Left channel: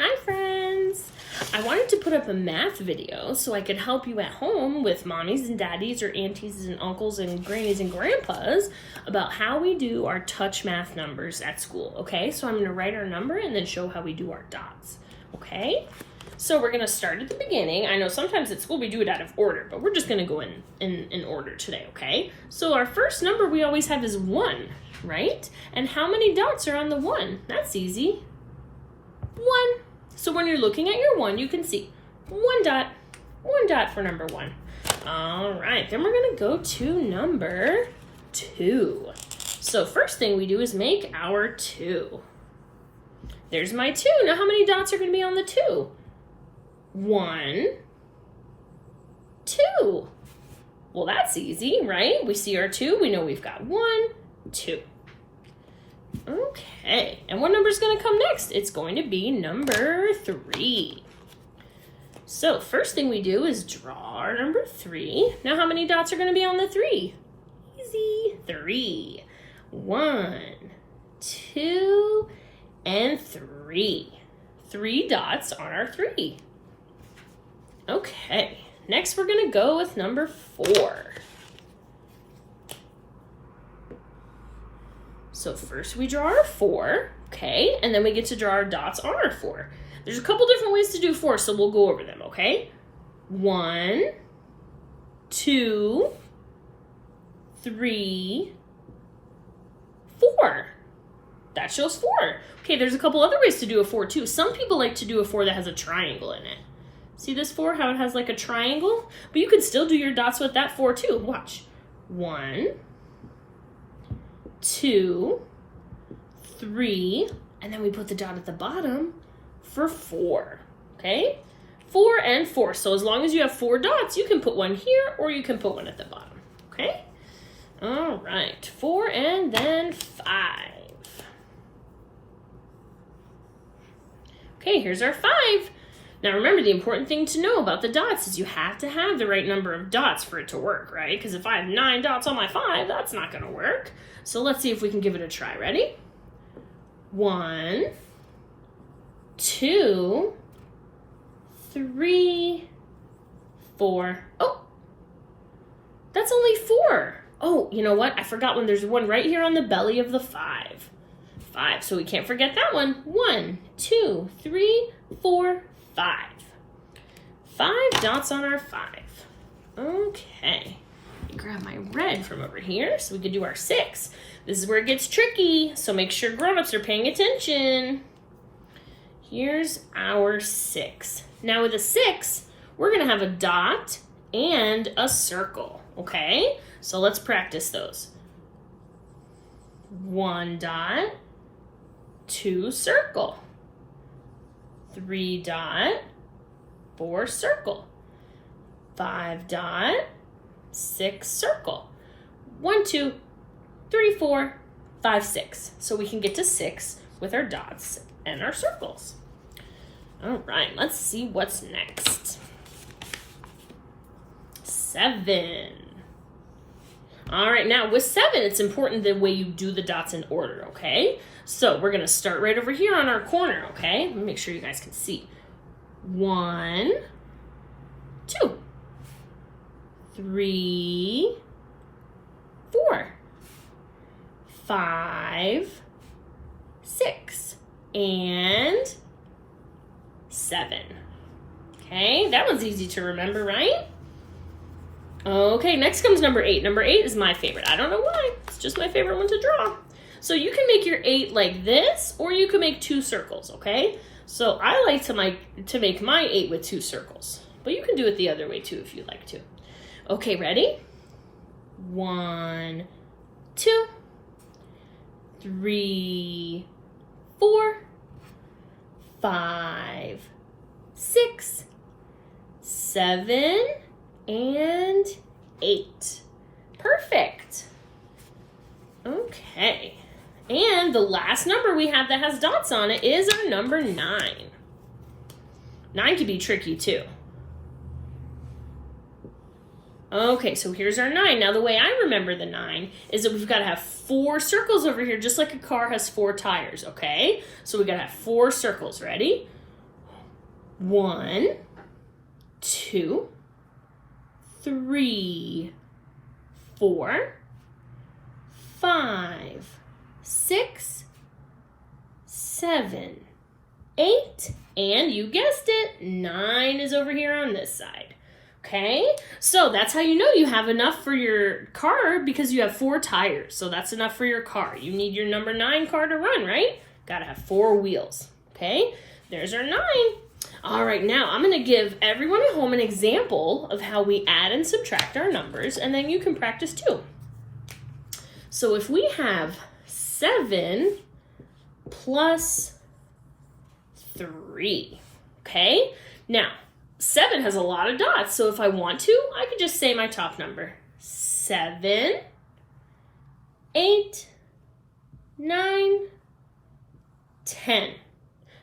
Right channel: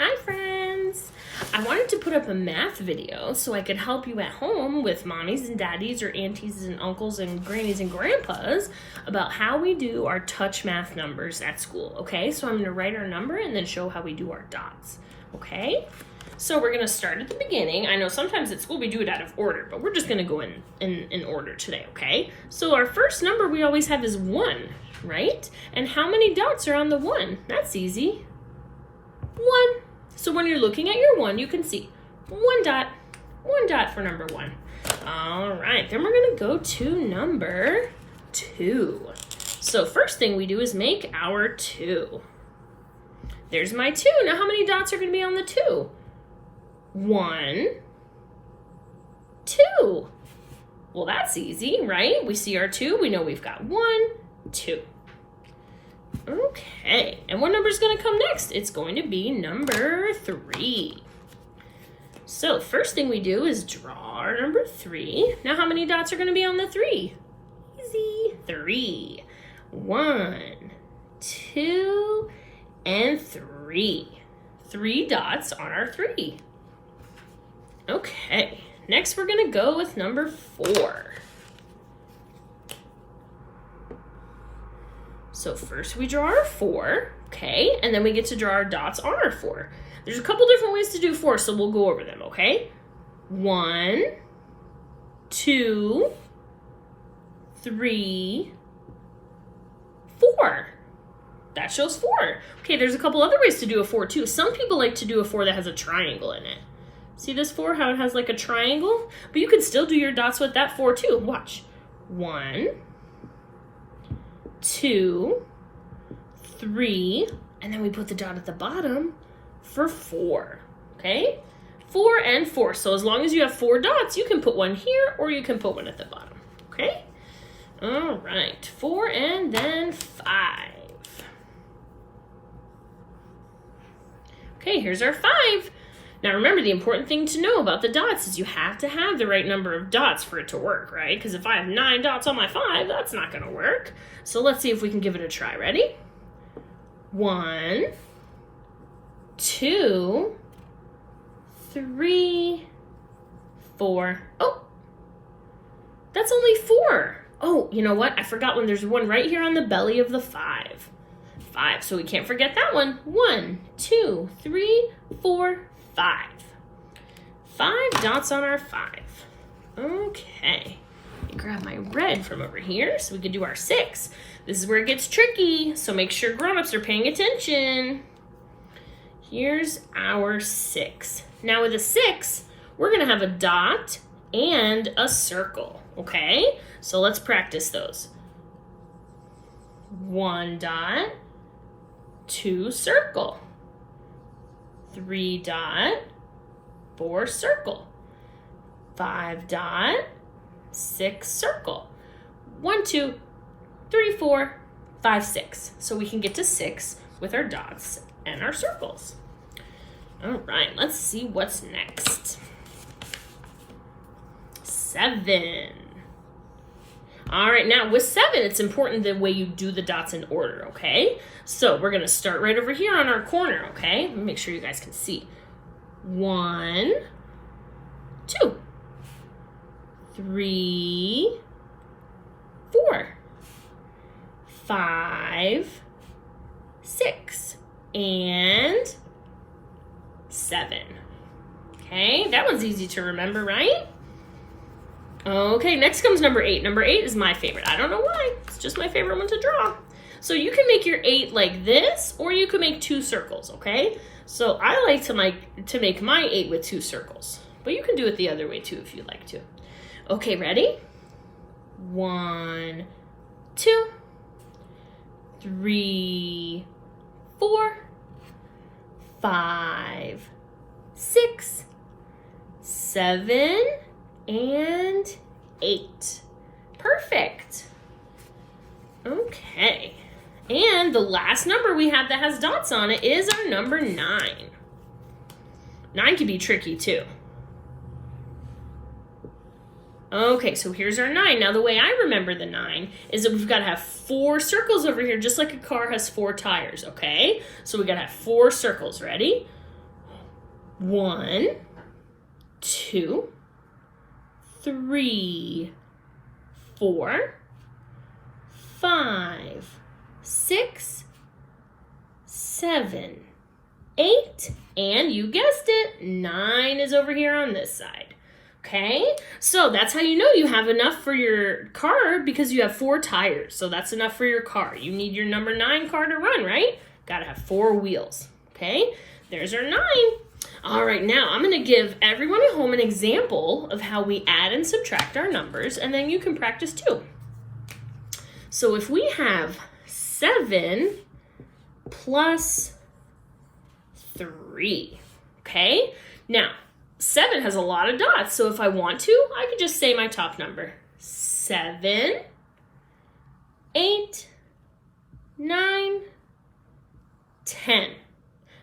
Hi friends! I wanted to put up a math video so I could help you at home with mommies and daddies or aunties and uncles and grannies and grandpas about how we do our touch math numbers at school, okay? So I'm going to write our number and then show how we do our dots, okay? So we're going to start at the beginning. I know sometimes at school we do it out of order, but we're just going to go in order today, okay? So our first number we always have is 1, right? And how many dots are on the 1? That's easy. 1. So when you're looking at your 1, you can see 1 dot for number 1. All right, then we're gonna go to number 2. So first thing we do is make our 2. There's my 2. Now how many dots are gonna be on the 2? 1, 2. Well, that's easy, right? We see our 2, we know we've got 1, 2. Okay, and what number is going to come next? It's going to be number 3. So first thing we do is draw our number 3. Now how many dots are going to be on the 3? Easy. 3. 1, 2, and 3. 3 dots on our 3. Okay, next we're going to go with number 4. So first we draw our 4, okay? And then we get to draw our dots on our 4. There's a couple different ways to do 4, so we'll go over them, okay? 1, 2, 3, 4. That shows 4. Okay, there's a couple other ways to do a 4 too. Some people like to do a 4 that has a triangle in it. See this 4, how it has like a triangle? But you can still do your dots with that 4 too. Watch. 1, 2, 3, and then we put the dot at the bottom for 4, okay? 4 and 4, so as long as you have 4 dots, you can put one here or you can put one at the bottom, okay? All right, 4 and then 5. Okay, here's our 5. Now remember, the important thing to know about the dots is you have to have the right number of dots for it to work, right? Because if I have 9 dots on my 5, that's not going to work. So let's see if we can give it a try. Ready? 1, 2, 3, 4. Oh, that's only 4. Oh, you know what? I forgot one. There's one right here on the belly of the 5. 5, so we can't forget that one. 1, 2, 3, 4, 5. 5 dots on our 5. Okay. Let me grab my red from over here so we can do our 6. This is where it gets tricky, so make sure grown-ups are paying attention. Here's our 6. Now with a 6, we're going to have a dot and a circle, okay? So let's practice those. 1 dot, 2 circle. 3 dot, 4 circle. 5 dot, 6 circle. 1, 2, 3, 4, 5, 6. So we can get to 6 with our dots and our circles. All right, let's see what's next. 7. All right, now with 7, it's important the way you do the dots in order, okay? So we're gonna start right over here on our corner, okay? Let me make sure you guys can see. 1, 2, 3, 4, 5, 6, and 7. Okay, that one's easy to remember, right? Okay, next comes number 8. Number 8 is my favorite. I don't know why. It's just my favorite one to draw. So you can make your 8 like this, or you can make 2 circles, okay? So I like to make my 8 with 2 circles. But you can do it the other way too if you'd like to. Okay, ready? 1, 2, 3, 4, 5, 6, 7, and 8. Perfect. Okay. And the last number we have that has dots on it is our number 9. 9 can be tricky too. Okay, so here's our 9. Now the way I remember the 9 is that we've got to have 4 circles over here, just like a car has 4 tires, okay? So we got to have 4 circles. Ready? 1, 2, 3, 4, 5, 6, 7, 8, and you guessed it, 9 is over here on this side. Okay, so that's how you know you have enough for your car, because you have 4 tires. So that's enough for your car. You need your number 9 car to run, right? Gotta have 4 wheels. Okay, there's our 9. All right, now I'm gonna give everyone at home an example of how we add and subtract our numbers, and then you can practice too. So if we have 7 plus 3, okay? Now, 7 has a lot of dots, so if I want to, I could just say my top number. 7, 8, 9, 10.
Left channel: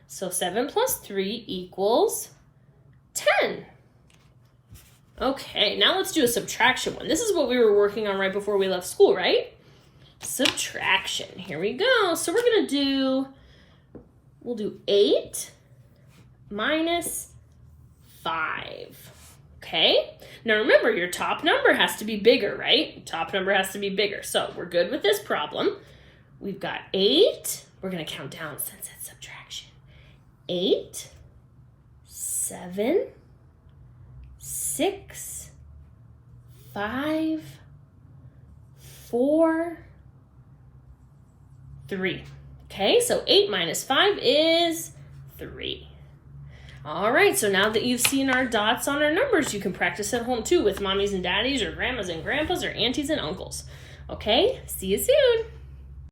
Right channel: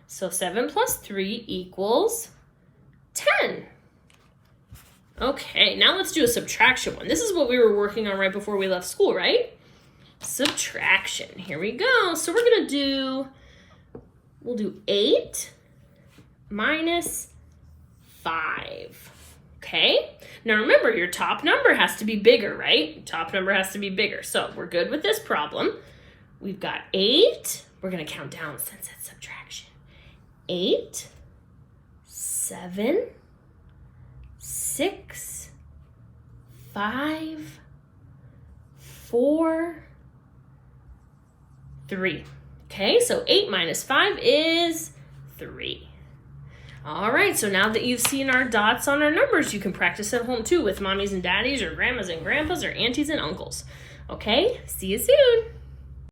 So 7 plus 3 equals 10. Okay, now let's do a subtraction one. This is what we were working on right before we left school, right? Subtraction. Here we go. So we'll do 8 minus 5. Okay? Now remember, your top number has to be bigger, right? Top number has to be bigger. So we're good with this problem. We've got 8. We're going to count down since it's subtraction. 8, 7, 6, 5, 4, 3. Okay, so 8 minus 5 is 3. All right, so now that you've seen our dots on our numbers, you can practice at home too with mommies and daddies or grandmas and grandpas or aunties and uncles. Okay, see you soon.